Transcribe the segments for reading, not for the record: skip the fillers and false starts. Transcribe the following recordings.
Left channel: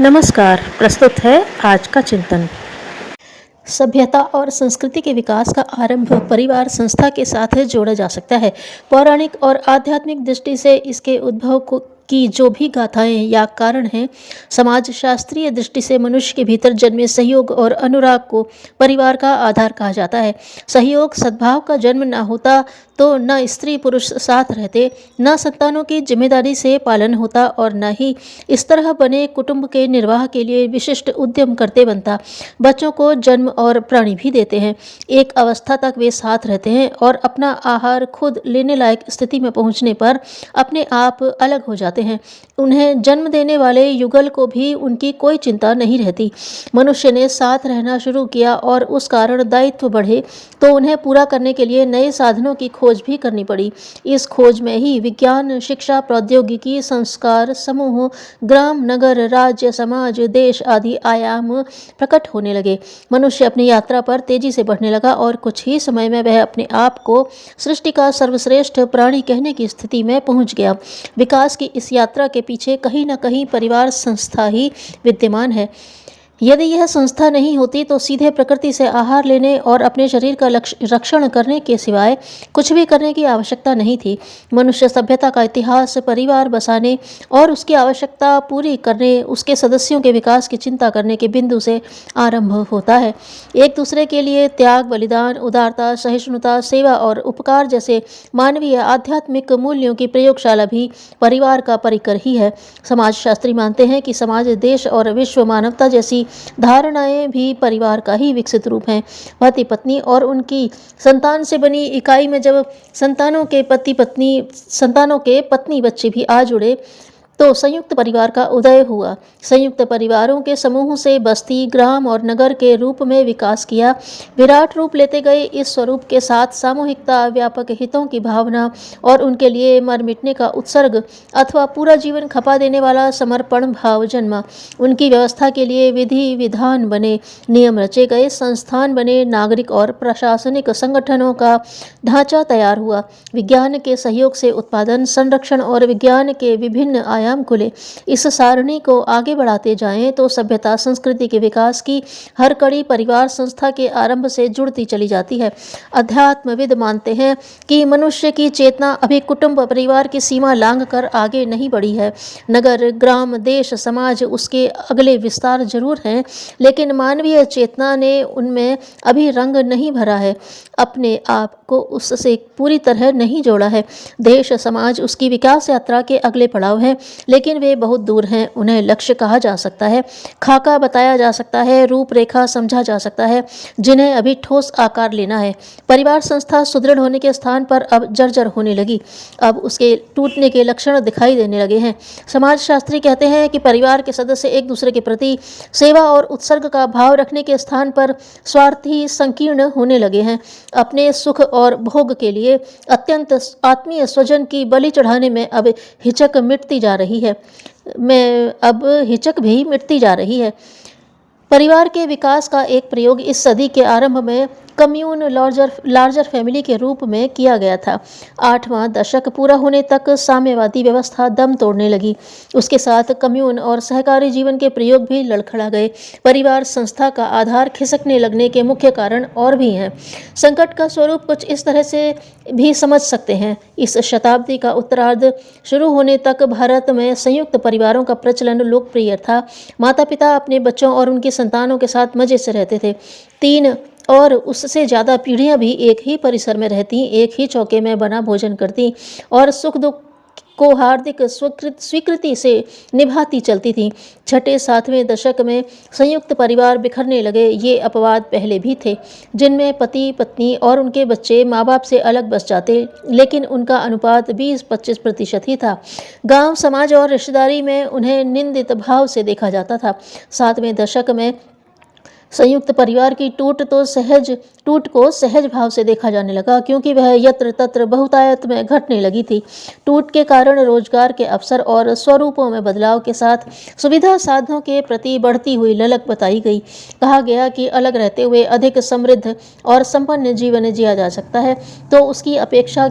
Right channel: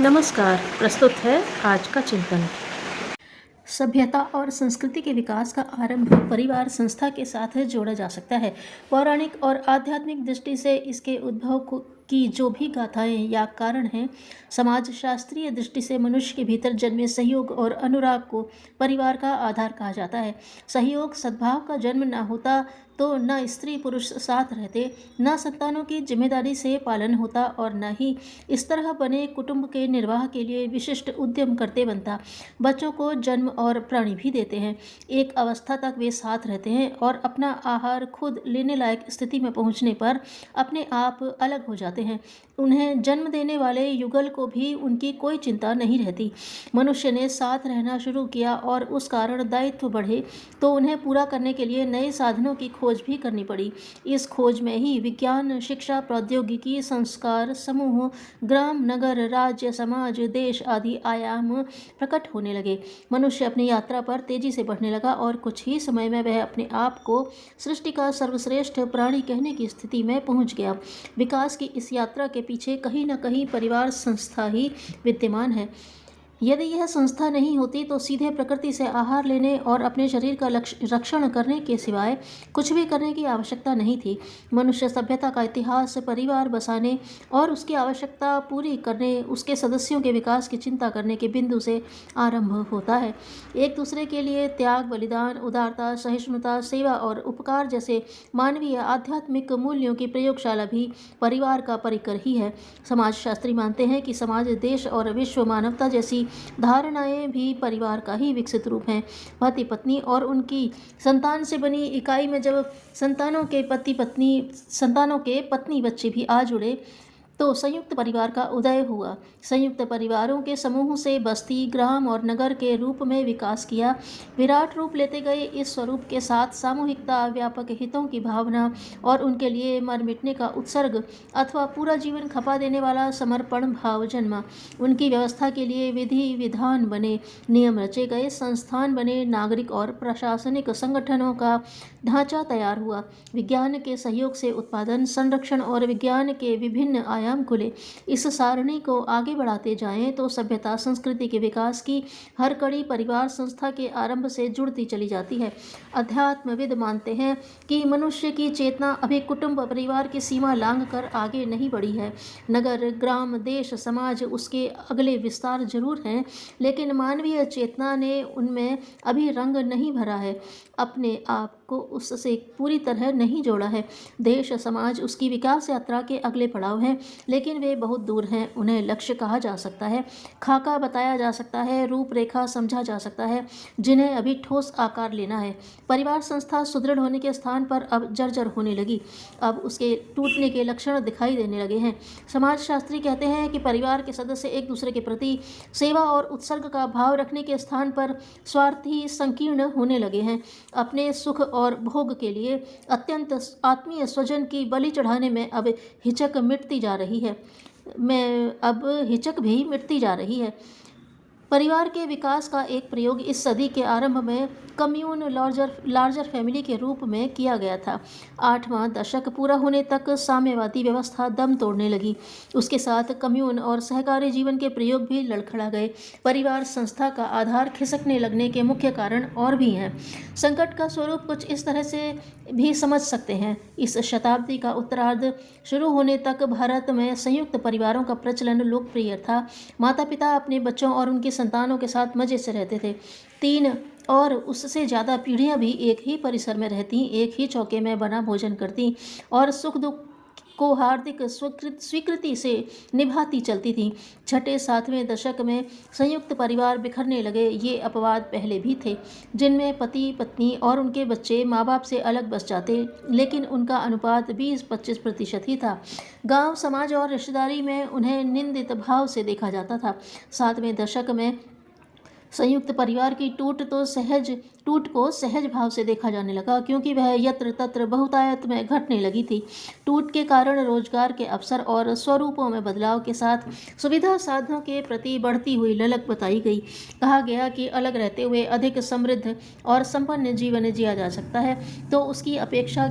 नमस्कार। प्रस्तुत है आज का चिंतन। सभ्यता और संस्कृति के विकास का आरंभ परिवार संस्था के साथ जोड़ा जा सकता है। पौराणिक और आध्यात्मिक दृष्टि से इसके उद्भव की जो भी गाथाएं या कारण हैं, समाज शास्त्रीय दृष्टि से मनुष्य के भीतर जन्मे सहयोग और अनुराग को परिवार का आधार कहा जाता है। सहयोग सद्भाव का जन्म न होता तो न स्त्री पुरुष साथ रहते, न संतानों की जिम्मेदारी से पालन होता और न ही इस तरह बने कुटुंब के निर्वाह के लिए विशिष्ट उद्यम करते बनता। बच्चों को जन्म और प्राणी भी देते हैं। एक अवस्था तक वे साथ रहते हैं और अपना आहार खुद लेने लायक स्थिति में पहुंचने पर अपने आप अलग हो जाते हैं। उन्हें जन्म देने वाले युगल को भी उनकी कोई चिंता नहीं रहती। मनुष्य ने साथ रहना शुरू किया और उस कारण दायित्व बढ़े तो उन्हें पूरा करने के लिए नए साधनों की खोज भी करनी पड़ी। इस खोज में ही विज्ञान, शिक्षा, प्रौद्योगिकी, संस्कार, समूह, ग्राम, नगर, राज्य, समाज, देश आदि आयाम प्रकट होने लगे। मनुष्य अपनी यात्रा पर तेजी से बढ़ने लगा और कुछ ही समय में वह अपने आप को सृष्टि का सर्वश्रेष्ठ प्राणी कहने की स्थिति में पहुंच गया। विकास की इस यात्रा के पीछे कहीं न कहीं परिवार संस्था ही विद्यमान है। यदि यह संस्था नहीं होती तो सीधे प्रकृति से आहार लेने और अपने शरीर का रक्षण करने के सिवाय कुछ भी करने की आवश्यकता नहीं थी। मनुष्य सभ्यता का इतिहास परिवार बसाने और उसकी आवश्यकता पूरी करने, उसके सदस्यों के विकास की चिंता करने के बिंदु से आरंभ होता है। एक दूसरे के लिए त्याग, बलिदान, उदारता, सहिष्णुता, सेवा और उपकार जैसे मानवीय आध्यात्मिक मूल्यों की प्रयोगशाला भी परिवार का परिकर ही है। समाजशास्त्री मानते हैं कि समाज, देश और विश्व मानवता जैसी धारणाएं भी परिवार का ही विकसित रूप हैं। पति पत्नी और उनकी संतान से बनी इकाई में जब संतानों के पत्नी बच्चे भी आ जुड़े तो संयुक्त परिवार का उदय हुआ। संयुक्त परिवारों के समूह से बस्ती, ग्राम और नगर के रूप में विकास किया। विराट रूप लेते गए इस स्वरूप के साथ सामूहिकता, व्यापक हितों की भावना और उनके लिए मर मिटने का उत्सर्ग अथवा पूरा जीवन खपा देने वाला समर्पण भाव जन्मा। उनकी व्यवस्था के लिए विधि विधान बने, नियम रचे गए, संस्थान बने, नागरिक और प्रशासनिक संगठनों का ढांचा तैयार हुआ। विज्ञान के सहयोग से उत्पादन, संरक्षण और विज्ञान के विभिन्न आयाम खुले। इस सारणी को आगे बढ़ाते जाएं तो सभ्यता संस्कृति के विकास की हर कड़ी परिवार संस्था के आरंभ से जुड़ती चली जाती है। अध्यात्मविद मानते हैं कि मनुष्य की चेतना अभी कुटुंब परिवार की सीमा लांघ कर आगे नहीं बढ़ी है। नगर, ग्राम, देश, समाज उसके अगले विस्तार जरूर हैं, लेकिन मानवीय चेतना ने उनमें अभी रंग नहीं भरा है, अपने आप को उससे पूरी तरह नहीं जोड़ा है। देश, समाज उसकी विकास यात्रा के अगले पड़ाव हैं, लेकिन वे बहुत दूर हैं। उन्हें लक्ष्य कहा जा सकता है, खाका बताया जा सकता है, रूपरेखा समझा जा सकता है, जिन्हें अभी ठोस आकार लेना है। परिवार संस्था सुदृढ़ होने के स्थान पर अब जर्जर होने लगी। अब उसके टूटने के लक्षण दिखाई देने लगे हैं। समाजशास्त्री कहते हैं कि परिवार के सदस्य एक दूसरे के प्रति सेवा और उत्सर्ग का भाव रखने के स्थान पर स्वार्थी, संकीर्ण होने लगे हैं। अपने सुख और भोग के लिए अत्यंत आत्मीय स्वजन की बलि चढ़ाने में अब हिचक भी मिटती जा रही है। परिवार के विकास का एक प्रयोग इस सदी के आरंभ में कम्यून लार्जर फैमिली के रूप में किया गया था। 8वां दशक पूरा होने तक साम्यवादी व्यवस्था दम तोड़ने लगी। उसके साथ कम्यून और सहकारी जीवन के प्रयोग भी लड़खड़ा गए। परिवार संस्था का आधार खिसकने लगने के मुख्य कारण और भी हैं। संकट का स्वरूप कुछ इस तरह से भी समझ सकते हैं। इस शताब्दी का उत्तरार्ध शुरू होने तक भारत में संयुक्त परिवारों का प्रचलन लोकप्रिय था। माता पिता अपने बच्चों और उनकी संतानों के साथ मजे से रहते थे। 3 और उससे ज़्यादा पीढ़ियां भी एक ही परिसर में रहती, एक ही चौके में बना भोजन करती और सुख दुख को हार्दिक स्वीकृति से निभाती चलती थी। 6-7वें दशक में संयुक्त परिवार बिखरने लगे। ये अपवाद पहले भी थे, जिनमें पति पत्नी और उनके बच्चे माँ बाप से अलग बस जाते, लेकिन उनका अनुपात 20-25% ही था। गांव, समाज और रिश्तेदारी में उन्हें निंदित भाव से देखा जाता था। 7वें दशक में संयुक्त परिवार की टूट को सहज भाव से देखा जाने लगा, क्योंकि वह यत्र तत्र बहुतायत में घटने लगी थी। टूट के कारण रोजगार के अवसर और स्वरूपों में बदलाव के साथ सुविधा साधनों के प्रति बढ़ती हुई ललक बताई गई। कहा गया कि अलग रहते हुए अधिक समृद्ध और संपन्न जीवन जिया जा सकता है, तो उसकी अपेक्षा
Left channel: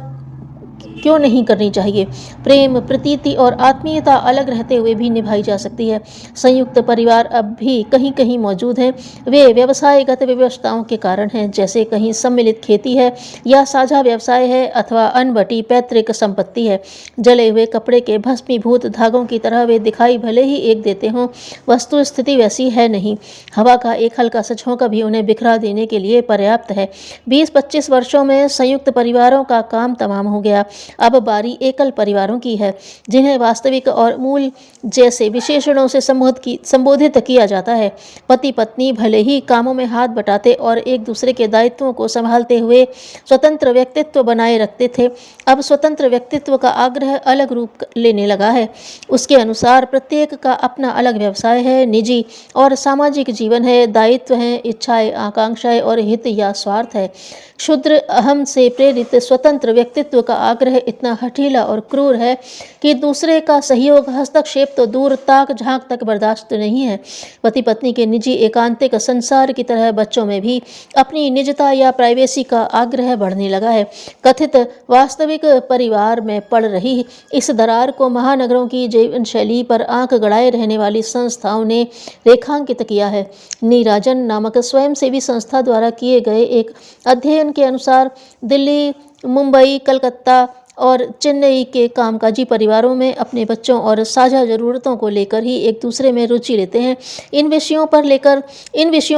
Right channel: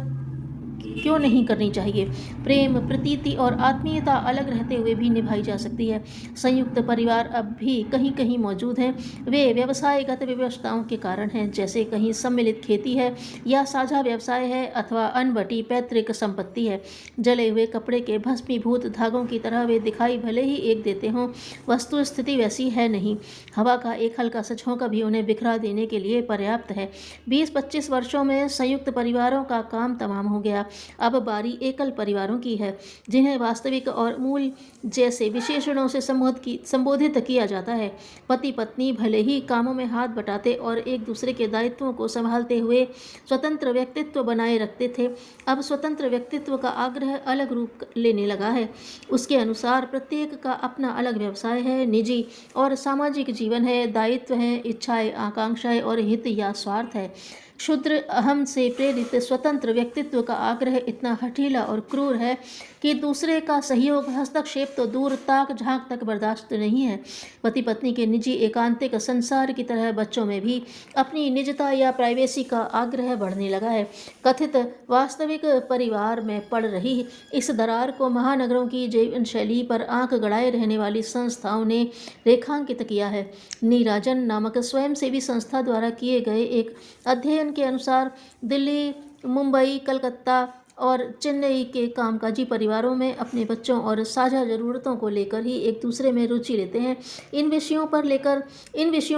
क्यों नहीं करनी चाहिए। प्रेम, प्रीति और आत्मीयता अलग रहते हुए भी निभाई जा सकती है। संयुक्त परिवार अब भी कहीं कहीं मौजूद हैं। वे व्यवसायगत विवशताओं के कारण हैं, जैसे कहीं सम्मिलित खेती है या साझा व्यवसाय है अथवा अनबटी पैतृक संपत्ति है। जले हुए कपड़े के भस्मीभूत धागों की तरह वे दिखाई भले ही एक देते हों, वस्तु स्थिति वैसी है नहीं। हवा का एक हल्का सा झोंका भी उन्हें बिखरा देने के लिए पर्याप्त है। 20-25 वर्षों में संयुक्त परिवारों का काम तमाम हो गया। अब बारी एकल परिवारों की है, जिन्हें वास्तविक और मूल जैसे विशेषणों से संबोधित किया जाता है। पति पत्नी भले ही कामों में हाथ बटाते और एक दूसरे के दायित्वों को संभालते हुए स्वतंत्र व्यक्तित्व बनाए रखते थे, अब स्वतंत्र व्यक्तित्व का आग्रह अलग रूप लेने लगा है। उसके अनुसार प्रत्येक का अपना अलग व्यवसाय है, निजी और सामाजिक जीवन है, दायित्व हैं, इच्छाएं, आकांक्षाएं और हित या स्वार्थ है। क्षुद्र अहम से प्रेरित स्वतंत्र व्यक्तित्व का आग्रह इतना हठीला और क्रूर है कि दूसरे का सहयोग, हस्तक्षेप तो दूर, ताक झांक तक बर्दाश्त नहीं है। पति पत्नी के निजी एकांतिक संसार की तरह बच्चों में भी अपनी निजता या प्राइवेसी का आग्रह बढ़ने लगा है। कथित वास्तविक परिवार में पड़ रही इस दरार को महानगरों की जीवन शैली पर आंख गड़ाए रहने वाली संस्थाओं ने रेखांकित किया है। नीराजन नामक स्वयंसेवी संस्था द्वारा किए गए एक अध्ययन के अनुसार दिल्ली, मुंबई, कलकत्ता और चेन्नई के कामकाजी परिवारों में अपने बच्चों और साझा ज़रूरतों को लेकर ही एक दूसरे में रुचि लेते हैं। इन विषयों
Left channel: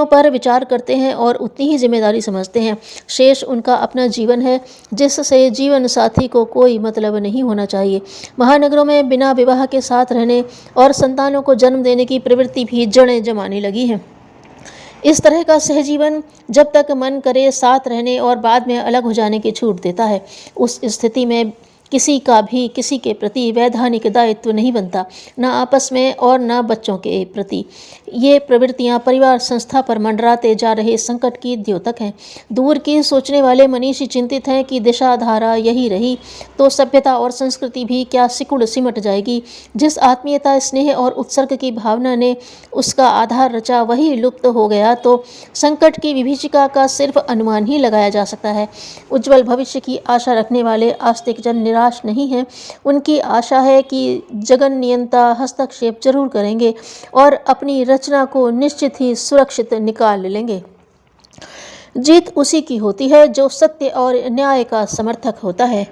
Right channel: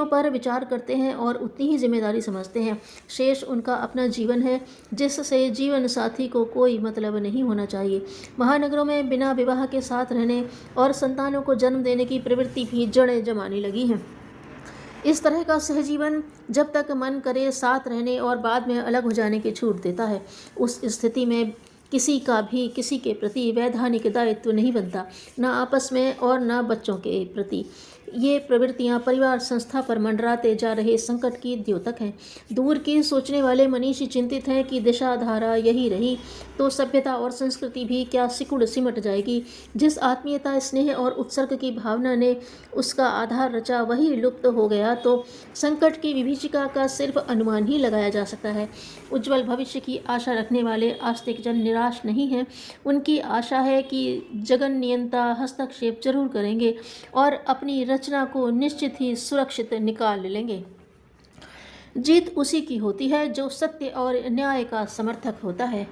पर विचार करते हैं और उतनी ही जिम्मेदारी समझते हैं। शेष उनका अपना जीवन है, जिससे जीवन साथी को कोई मतलब नहीं होना चाहिए। महानगरों में बिना विवाह के साथ रहने और संतानों को जन्म देने की प्रवृत्ति भी जड़ें जमाने लगी है। इस तरह का सहजीवन जब तक मन करे साथ रहने और बाद में अलग हो जाने की छूट देता है। उस स्थिति में किसी का भी किसी के प्रति वैधानिक दायित्व नहीं बनता, न आपस में और न बच्चों के प्रति। ये प्रवृत्तियां परिवार संस्था पर मंडराते जा रहे संकट की द्योतक हैं। दूर की सोचने वाले मनीषी चिंतित हैं कि दिशा धारा यही रही तो सभ्यता और संस्कृति भी क्या सिकुड़ सिमट जाएगी। जिस आत्मीयता, स्नेह और उत्सर्ग की भावना ने उसका आधार रचा, वही लुप्त हो गया तो संकट की विभीषिका का सिर्फ अनुमान ही लगाया जा सकता है। उज्ज्वल भविष्य की आशा रखने वाले आस्तिक जन निराश नहीं हैं। उनकी आशा है कि जगन नियंता हस्तक्षेप जरूर करेंगे और अपनी रचना को निश्चित ही सुरक्षित निकाल लेंगे। जीत उसी की होती है जो सत्य और न्याय का समर्थक होता है।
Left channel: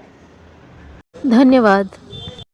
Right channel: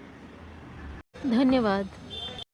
धन्यवाद।